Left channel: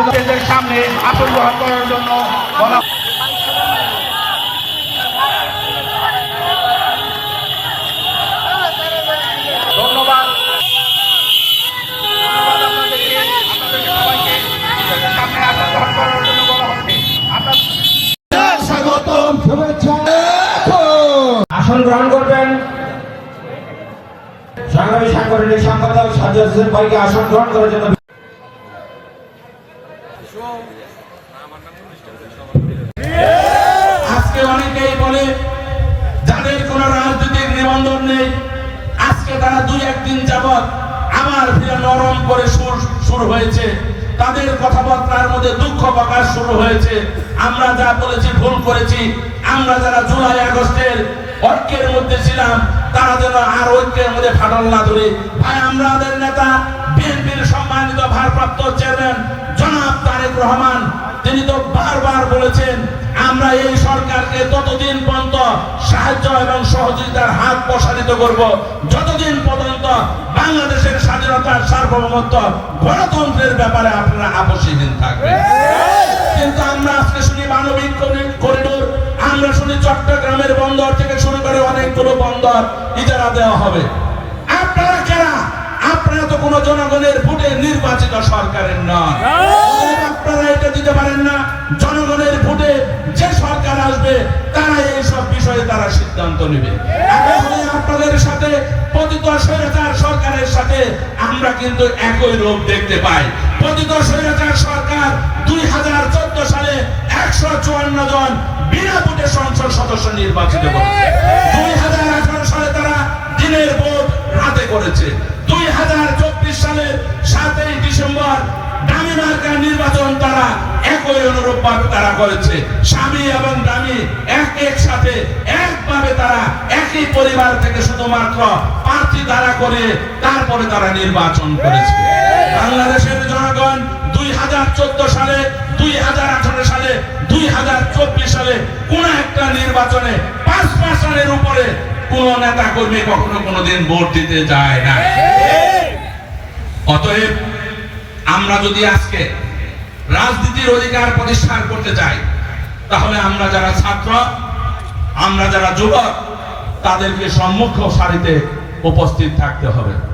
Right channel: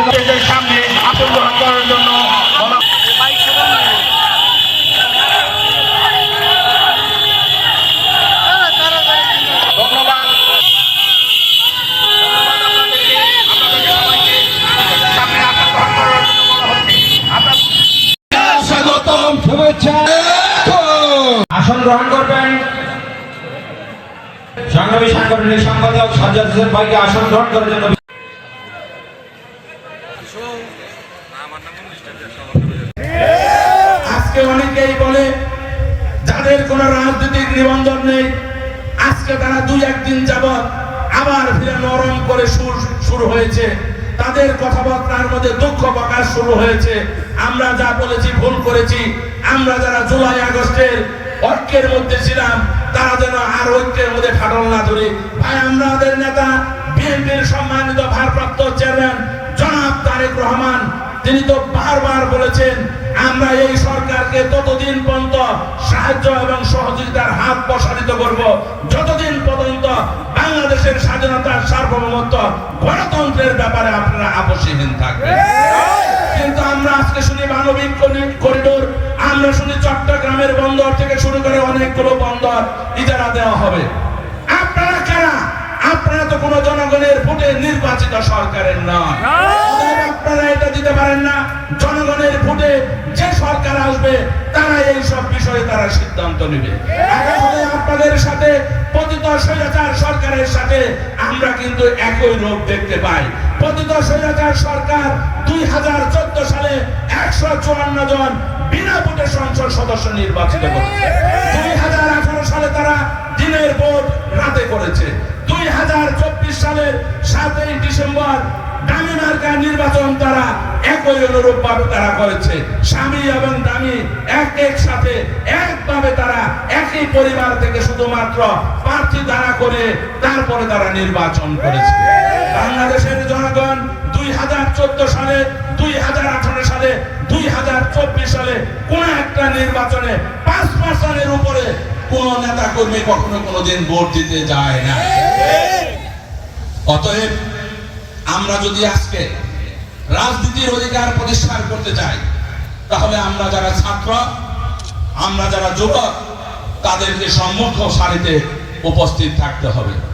আবেদনের সামনে আত্মগ্রহণ করার জন্য সাংগঠনিক সম্পাদক সাজ্জাদ হোসেন ভাইকে আসন গ্রহণ করার জন্য আজকে অনেকেই বলে, যাদের কোনো রাজনৈতিক নিবন্ধন নেই, আজকে তারা দুই একদিন যাবৎ আবার ফিরে নরম করে সুর শুরু হয়েছে। তাদের কথাবার্তার মধ্যে দুঃখ প্রকাশ শুরু হয়েছে। আমরা যা বলেছি, ভুল করেছি, আমরা যারা জুলাই আগস্টের ঐক্যের মধ্যে ছিলাম, তারা যেন আর ঐক্যের মধ্যে ফাটল না ধরে। ভাই আমাদের নেতা, বিএনপির সম্মানিত ভারপ্রাপ্ত চেয়ারম্যান করব। যতদিন পর্যন্ত বাংলাদেশের স্বাধীনতার সার্বভৌমত্ব গণতন্ত্রের ব্যাপারে আপনারা আপসীহীন থাকবেন। কিন্তু আমরা আজকে শুনি মানবিক করিডোর। আমরা শুনি চট্টগ্রামের বন্দর থেকে শুরু করে অনেকগুলো বন্দর ইজারা দেওয়া হবে। আপনারা আপনারা তো কোনো জনগণের ভোটে নির্বাচিত সরকারের নয় আপনারা এটা দিতে পারেন না। জনগণের ভোটে যে সরকার আসবে তারা এই সব বিষয়ে তারা সিদ্ধান্ত নেবে। আমরা কিন্তু একই রূপ দেখতে পাই। সরকার দুই হাজার চোদ্দ সালে একশো চুয়ান্ন জন বিনা ভোটে সংসদ সদস্য নির্বাচিত দুই হাজার আঠারো সালে তারা দিনের ভোট রাতে করেছে। দুই হাজার চব্বিশ সাতই ডিসেম্বর দামি মার্কা নির্বাচন তারা একই অনুরূপ ভাবে তারা করেছে। স্বামী এবং দামি এক এক সাথে একভাবে তারা একই পরিবার থেকে শুধুমাত্র দ্বারা করে, তারপরে তারা নির্বাচন করেছে। বাংলাদেশের জনগণ দুই হাজার চোদ্দ সালে, দুই হাজার আঠারো সালে, দুই হাজার চব্বিশ সালে কোন একটা নির্বাচনে পাঁচ পার্সেন্টের উপরে কোন নেতা কর্মী কখনো কোনোদিন ভোট দিতে যায় না। অতএব আমরা যদি আজকে রাজনীতির অধিকার প্রতিষ্ঠা করতে চাই, তাহলে আমরা যারা ছাত্র, আমরা যারা যুবক, তাদেরকে সম্মুখ সারিতে উপস্থিত থাকতে হবে।